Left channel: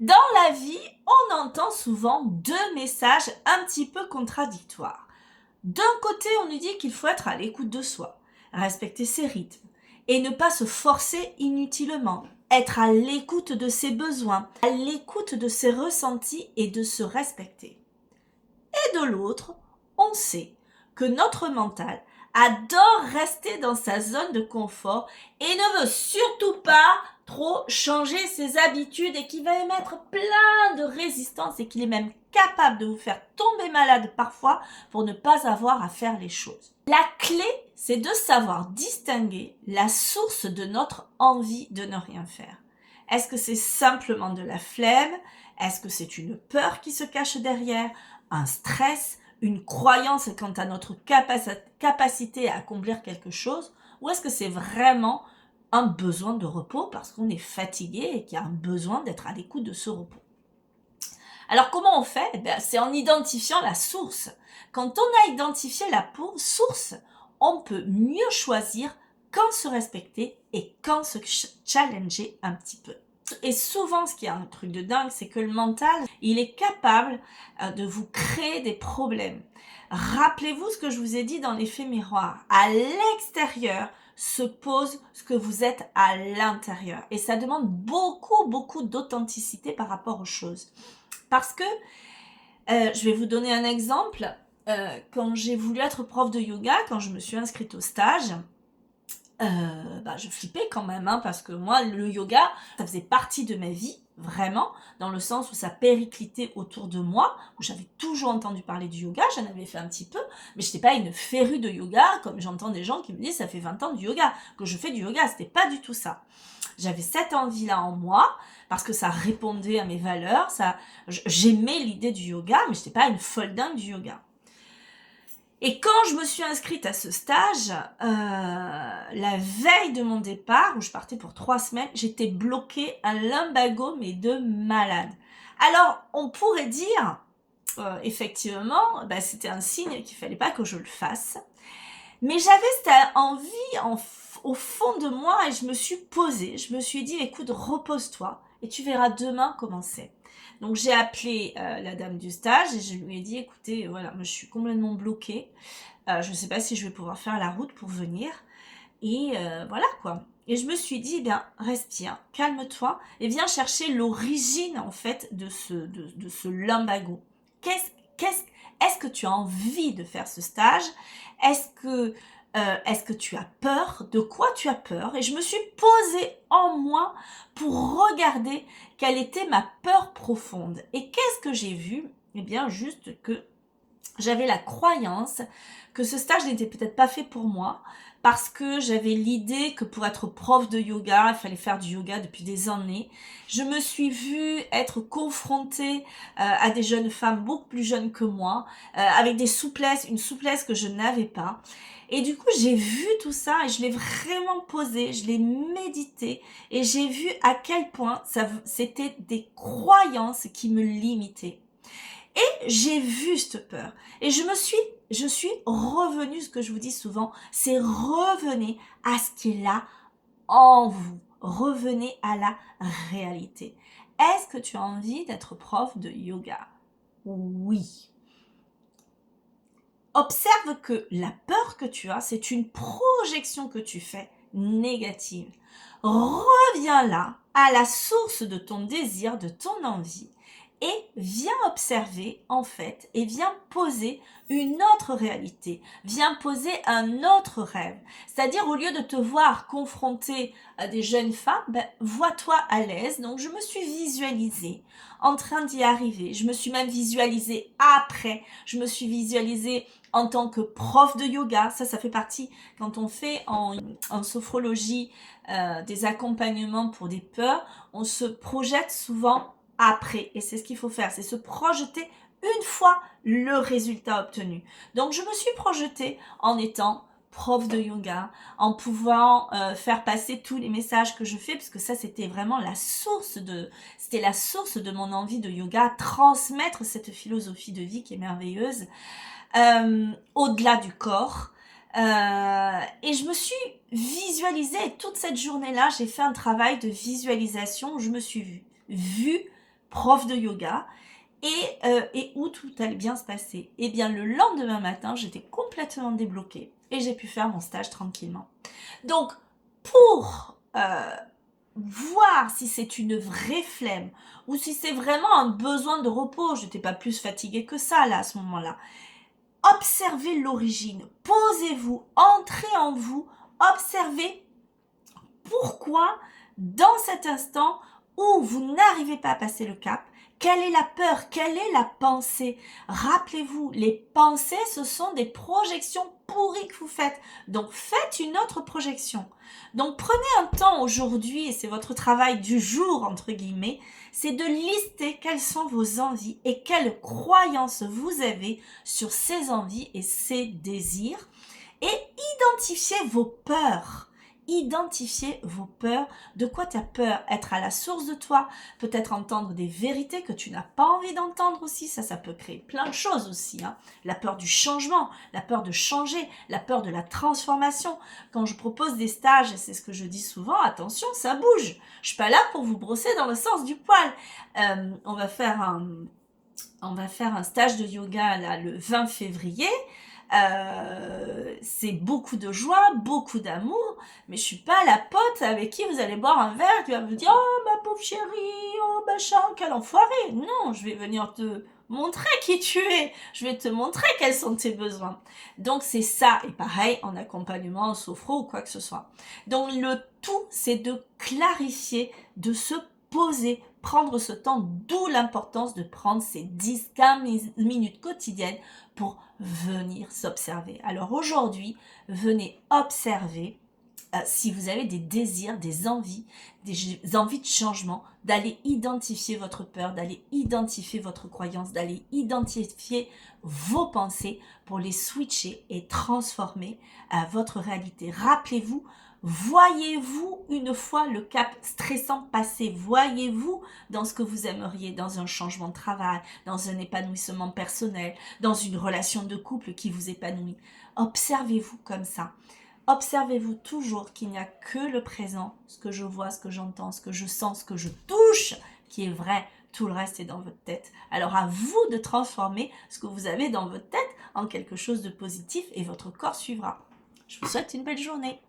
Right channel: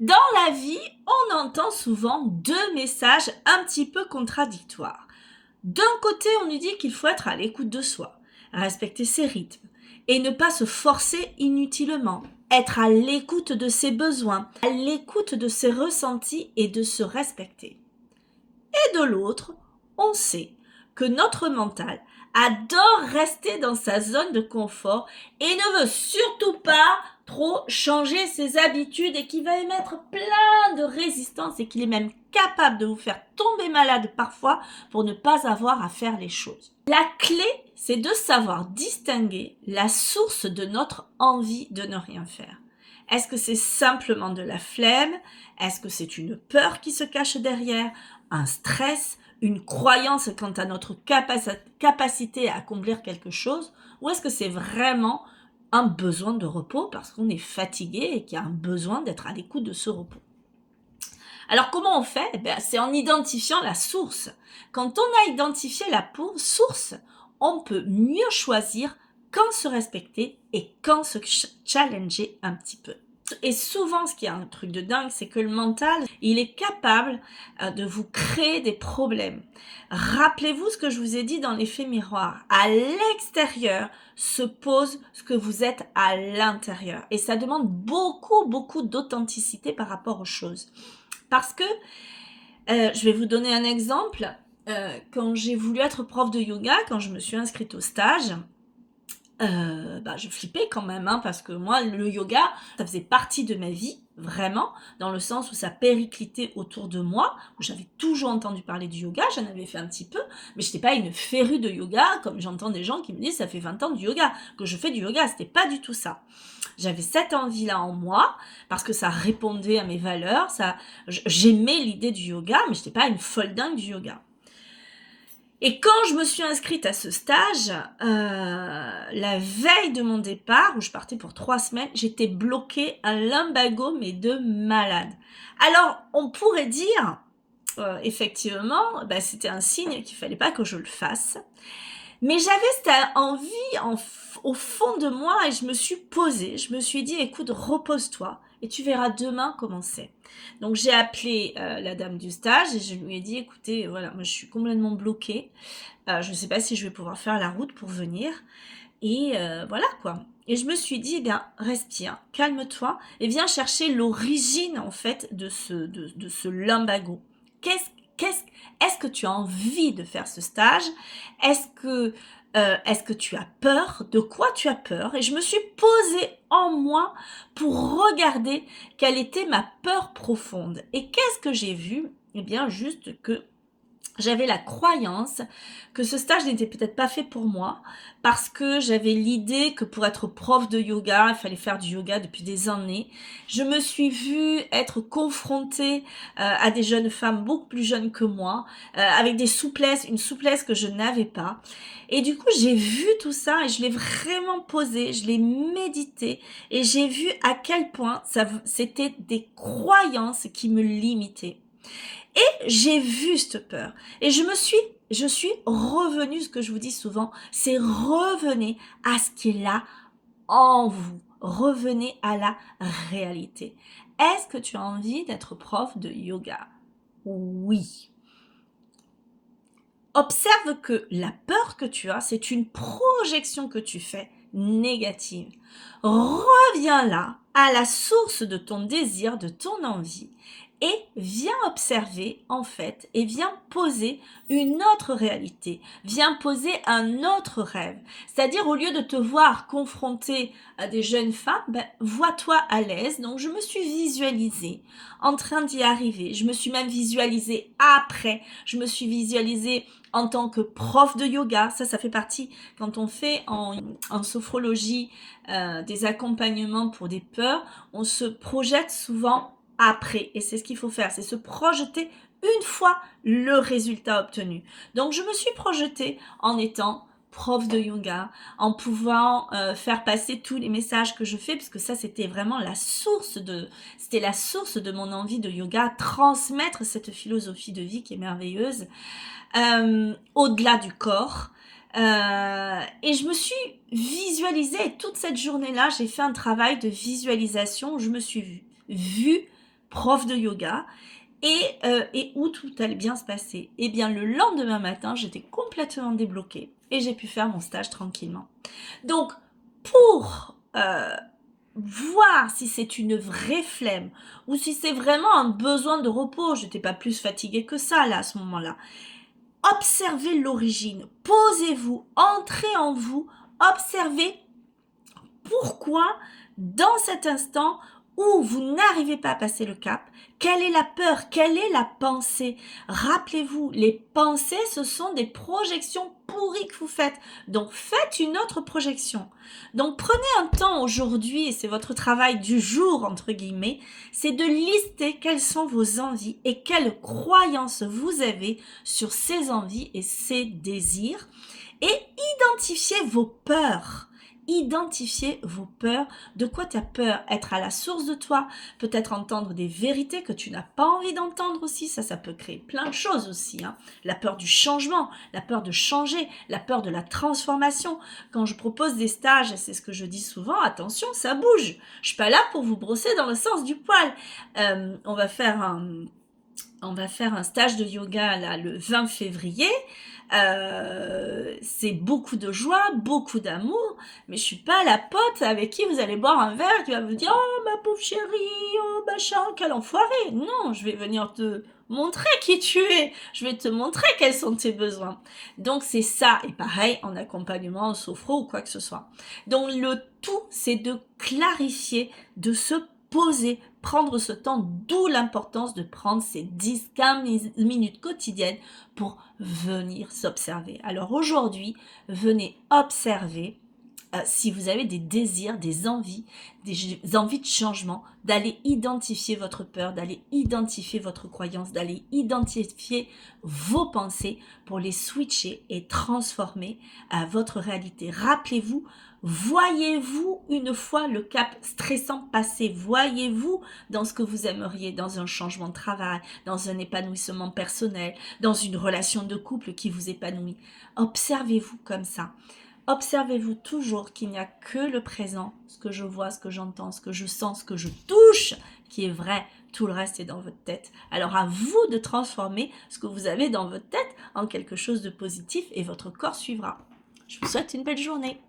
Dans la vie, on entend souvent deux messages un petit peu contradictoires. D'un côté, on nous dit qu'il faut être à l'écoute de soi, respecter ses rythmes et ne pas se forcer inutilement, être à l'écoute de ses besoins, à l'écoute de ses ressentis et de se respecter. Et de l'autre, on sait que notre mental adore rester dans sa zone de confort et ne veut surtout pas trop changer ses habitudes et qu'il va émettre plein de résistance et qu'il est même capable de vous faire tomber malade parfois pour ne pas avoir à faire les choses. La clé, c'est de savoir distinguer la source de notre envie de ne rien faire. Est-ce que c'est simplement de la flemme? Est-ce que c'est une peur qui se cache derrière? Un stress, une croyance quant à notre capacité à accomplir quelque chose, ou est-ce que c'est vraiment un besoin de repos parce qu'on est fatigué et qu'il y a un besoin d'être à l'écoute de ce repos? Alors comment on fait? C'est en identifiant la source. Quand on a identifié la source, on peut mieux choisir quand se respecter et quand se challenger un petit peu. Et souvent, ce qui est un truc de dingue, c'est que le mental, il est capable de vous créer des problèmes. Rappelez-vous ce que je vous ai dit dans l'effet miroir. À l'extérieur se pose ce que vous êtes à l'intérieur. Et ça demande beaucoup d'authenticité par rapport aux choses. Parce que, je vais vous donner un exemple. Quand j'ai voulu être prof de yoga, quand je me suis inscrite au stage, je flippais quand même, parce que moi, le yoga, ça faisait partie de ma vie, vraiment, dans le sens où ça périclitait autour de moi, où j'avais toujours entendu parler du yoga, j'en avais fait un petit peu, mais je n'étais pas une férue de yoga, comme j'entends des gens qui me disent, ça fait 20 ans du yoga, que je fais du yoga, c'était pas du tout ça. J'avais cette envie-là en moi, parce que ça répondait à mes valeurs, j'aimais l'idée du yoga, mais je n'étais pas une folle dingue du yoga. Et quand je me suis inscrite à ce stage, la veille de mon départ, où je partais pour 3 semaines, j'étais bloquée un lumbago, mais de malade. Alors, on pourrait dire, effectivement, c'était un signe qu'il fallait pas que je le fasse. Mais j'avais cette envie au fond de moi et je me suis posée. Je me suis dit, écoute, repose-toi et tu verras demain comment c'est. Donc j'ai appelé la dame du stage et je lui ai dit, écoutez, voilà, moi je suis complètement bloquée. Je ne sais pas si je vais pouvoir faire la route pour venir. Et voilà quoi. Et je me suis dit, eh bien, respire, calme-toi et viens chercher l'origine en fait de ce lumbago. Est-ce que tu as envie de faire ce stage? Est-ce que tu as peur? De quoi tu as peur? Et je me suis posée en moi pour regarder quelle était ma peur profonde. Et qu'est-ce que j'ai vu? Eh bien, juste que j'avais la croyance que ce stage n'était peut-être pas fait pour moi parce que j'avais l'idée que pour être prof de yoga, il fallait faire du yoga depuis des années. Je me suis vue être confrontée à des jeunes femmes beaucoup plus jeunes que moi, avec une souplesse que je n'avais pas. Et du coup, j'ai vu tout ça et je l'ai vraiment posé, je l'ai médité et j'ai vu à quel point c'était des croyances qui me limitaient. Et j'ai vu cette peur. Et je suis revenue, ce que je vous dis souvent, c'est revenez à ce qui est là en vous. Revenez à la réalité. Est-ce que tu as envie d'être prof de yoga? Oui. Observe que la peur que tu as, c'est une projection que tu fais négative. Reviens là, à la source de ton désir, de ton envie, et viens observer en fait, et viens poser une autre réalité, viens poser un autre rêve. C'est-à-dire au lieu de te voir confronté à des jeunes femmes, vois-toi à l'aise. Donc je me suis visualisée en train d'y arriver, je me suis même visualisée après, je me suis visualisée en tant que prof de yoga. Ça fait partie, quand on fait en sophrologie des accompagnements pour des peurs, on se projette souvent après. Et c'est ce qu'il faut faire, c'est se projeter une fois le résultat obtenu. Donc je me suis projetée en étant prof de yoga, en pouvant faire passer tous les messages que je fais, parce que ça c'était vraiment la source de mon envie de yoga, transmettre cette philosophie de vie qui est merveilleuse, au-delà du corps. Et je me suis visualisée, et toute cette journée-là, j'ai fait un travail de visualisation où je me suis vue prof de yoga, et où tout allait bien se passer. Et bien le lendemain matin, j'étais complètement débloquée et j'ai pu faire mon stage tranquillement. Donc, pour voir si c'est une vraie flemme ou si c'est vraiment un besoin de repos, je n'étais pas plus fatiguée que ça là à ce moment-là. Observez l'origine, posez-vous, entrez en vous, observez pourquoi dans cet instant où vous n'arrivez pas à passer le cap, quelle est la peur, quelle est la pensée. Rappelez-vous, les pensées, ce sont des projections pourries que vous faites. Donc faites une autre projection. Donc prenez un temps aujourd'hui, et c'est votre travail du jour, entre guillemets, c'est de lister quelles sont vos envies et quelles croyances vous avez sur ces envies et ces désirs. Et identifiez vos peurs. Identifiez vos peurs. De quoi tu as peur? Être à la source de toi, peut-être entendre des vérités que tu n'as pas envie d'entendre aussi. Ça peut créer plein de choses aussi. Hein. La peur du changement, la peur de changer, la peur de la transformation. Quand je propose des stages, et c'est ce que je dis souvent, attention, ça bouge. Je suis pas là pour vous brosser dans le sens du poil. On va faire un stage de yoga là, le 20 février. C'est beaucoup de joie, beaucoup d'amour, mais je suis pas la pote avec qui vous allez boire un verre, qui va vous dire oh ma pauvre chérie, oh machin, quel enfoiré. Non, je vais venir te montrer qui tu es, je vais te montrer quels sont tes besoins. Donc c'est ça, et pareil en accompagnement, en sophro ou quoi que ce soit. Donc le tout, c'est de clarifier, de se poser, prendre ce temps, d'où l'importance de prendre ces 10-15 minutes quotidiennes pour venir s'observer. Alors aujourd'hui, venez observer si vous avez des désirs, des envies de changement, d'aller identifier votre peur, d'aller identifier votre croyance, d'aller identifier vos pensées pour les switcher et transformer votre réalité. Rappelez-vous, voyez-vous une fois le cap stressant passé, voyez-vous dans ce que vous aimeriez, dans un changement de travail, dans un épanouissement personnel, dans une relation de couple qui vous épanouit. Observez-vous comme ça. Observez-vous toujours qu'il n'y a que le présent, ce que je vois, ce que j'entends, ce que je sens, ce que je touche, qui est vrai. Tout le reste est dans votre tête. Alors à vous de transformer ce que vous avez dans votre tête en quelque chose de positif et votre corps suivra. Je vous souhaite une belle journée.